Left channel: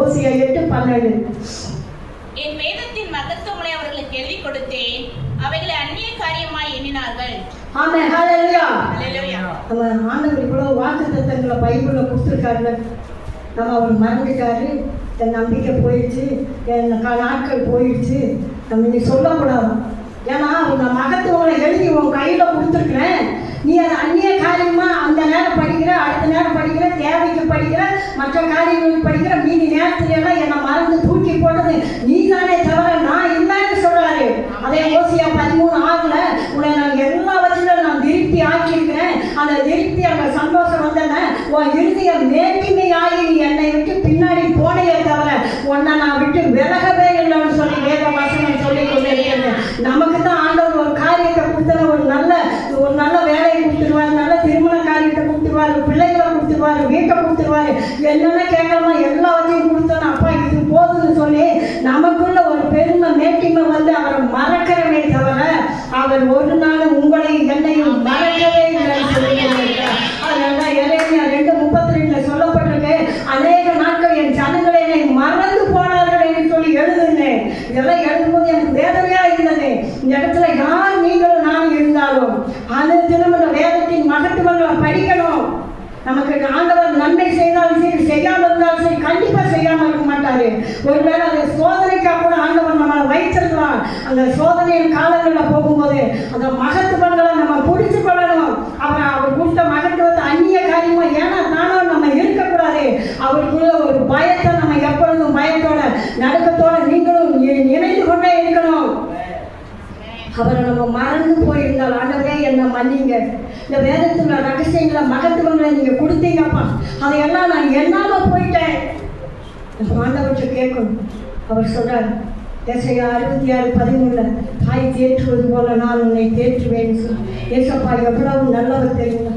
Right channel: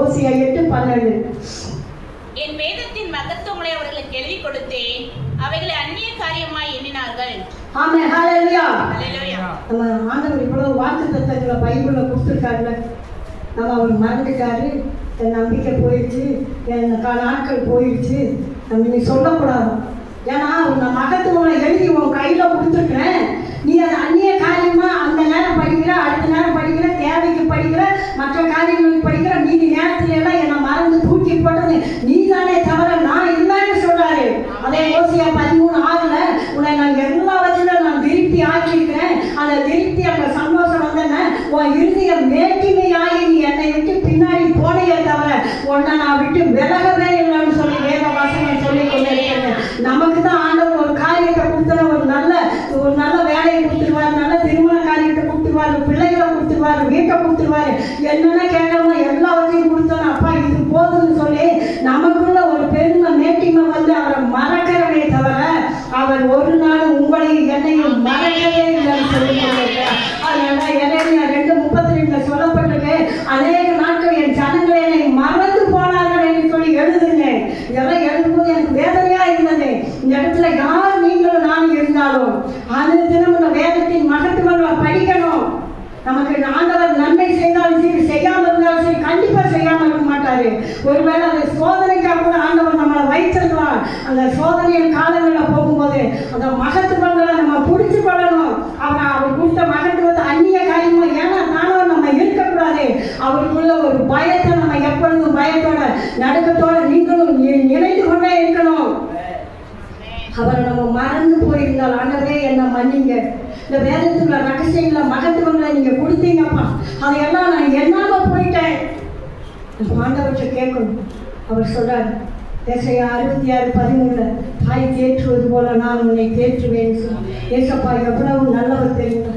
ஓசியா 8:12. என் வேதத்தின் மகத்துவங்களை அவர்களுக்கு எழுதி கொடுத்தேன், அவைகளை அந்நிய காரியமாய் எண்ணினார்கள். ஆமென். ஹல்லேலூயா. ஹல்லேலூயா. நம்ம ஆண்டவர் இவ்வளவு வாக்குத்தத்தங்களை பைபிள்ல கொடுத்துருக்காரு. நம்ம அவர் மறந்துட்டாரு, என் நம்பிக்கை போயிடுச்சு, என் நாட்கள் போயிடுச்சு, நம்ம நீ சொல்லக்கூடாது. ஏன்னா நான் மகத்துவங்களை எழுதி உன் கையில் கொடுத்துருக்குறேன். நீ அதை அந்நிய காரியமா அந்த நேரம் படிக்கிற, அடுத்த நேரம் படிக்கிற, தேவைக்கு படிக்கிற, மற்ற காரியங்களுக்கு படிக்கிற, மீதி நேரத்துல எல்லாம் என்னை மறந்து தூக்கி போட்டது நீ தானே தவிர நான் இல்லைன்னு சொல்றாரு. அதே ஓசியா 13:6 உன்னை நான் எல்லாவற்றிலும் நான் திருப்தி ஆக்கியிருக்கிறேன். அந்த திருப்தி அந்த சந்தோஷம் வந்தேன்னா உன் இறுதிய மேட்டிமையாகி நீ என்னை விட்டு பின்னாடி போனையே தவிர உன்னை நான் விட்டு விலகவே இல்லைன்னு சொல்லி வேத வசனம் சொல்லி கொண்டிருக்கிறது. நமக்கு தான் ஆண்டவர் ஒரு காரியத்தை கொடுத்தா ஒரு நல்ல வேலையை கொடுத்துருவாரு, நல்ல திருமண காரியத்தை கொடுத்துருவாரு, பிள்ளைகளை கொடுத்துருவாரு, வீட்டை கொடுத்துருவாரு, என்னென்ன கேட்கணுமோ எல்லாத்தையும் கொடுத்தோன்னு அப்பா இது போதுன்னு சொல்லி நமக்குள்ள ஒரு பெருமை மேட்டிமை வந்து அவரை மறக்கிறவே தவிர அவர் ஒரு நாளும் உங்களையும் என்னையும் மறக்கவே இல்லைன்னு சொல்லி கொண்டிருக்கிறார். அதனால எரேமியா 2:32 சொல்லப்பட்டிருக்கு, அநேக நாட்கள் என் ஜனங்களை என்னை மறந்து போனார்கள் என்று சொல்லி எழுதுனேன். இதெல்லாம் எழுதும்போது எனக்கு வேதனையா இருந்தது. இந்த இடத்துல யார் நீங்களும் நானும் இருந்தாலும் அது தினம் இந்த வேதத்தின் மகத்துவங்களை படிக்கணும். நமக்கு ஆண்டவர் நன்மை செய்தாலும் சரி, செய்யாமல் இருந்தாலும் சரி, கண்டிப்பா செய்யாம இருக்க மாட்டாரு. ஒருவேளை அதை சோதனைக்காக கூட ஆண்டவர் நம்மளை வைத்திருக்கலாம். அந்த சோதனையின் காலங்களில் போகும்போது அந்த மகத்துவங்களை நம்ம பிடிச்சு கொள்ளணும். அவர் கொடுத்த மகத்துவத்தை அந்நிய காரியமா ஏன்னா நானும் நம்ம இருக்கக்கூடாது. அவருக்குள்ள ஒரு பயத்தை நம்ம எப்பொழுதும் பயத்தோட நடுக்கத்தோட நீங்களும் நினைத்து கொண்டே இருக்கணும். அவரை நம்ம மறந்து போயிருந்தால் ஆண்டவரே என்ன மன்னிங்க, இந்த வேதத்துல ரகசியங்களை மகத்துவங்களை நீங்க கொடுத்தீங்கப்பா, அதையெல்லாம் நான் என்னாம போயிட்டேன் ஆண்டவர்கிட்ட கேட்கணும். அவர் சொல்றாரு ஏசாயா 66:13 தாய் தேற்றுவது போல நான் உன்னை தேற்றுவேன். ஏசப்பா எவ்வளவு நல்ல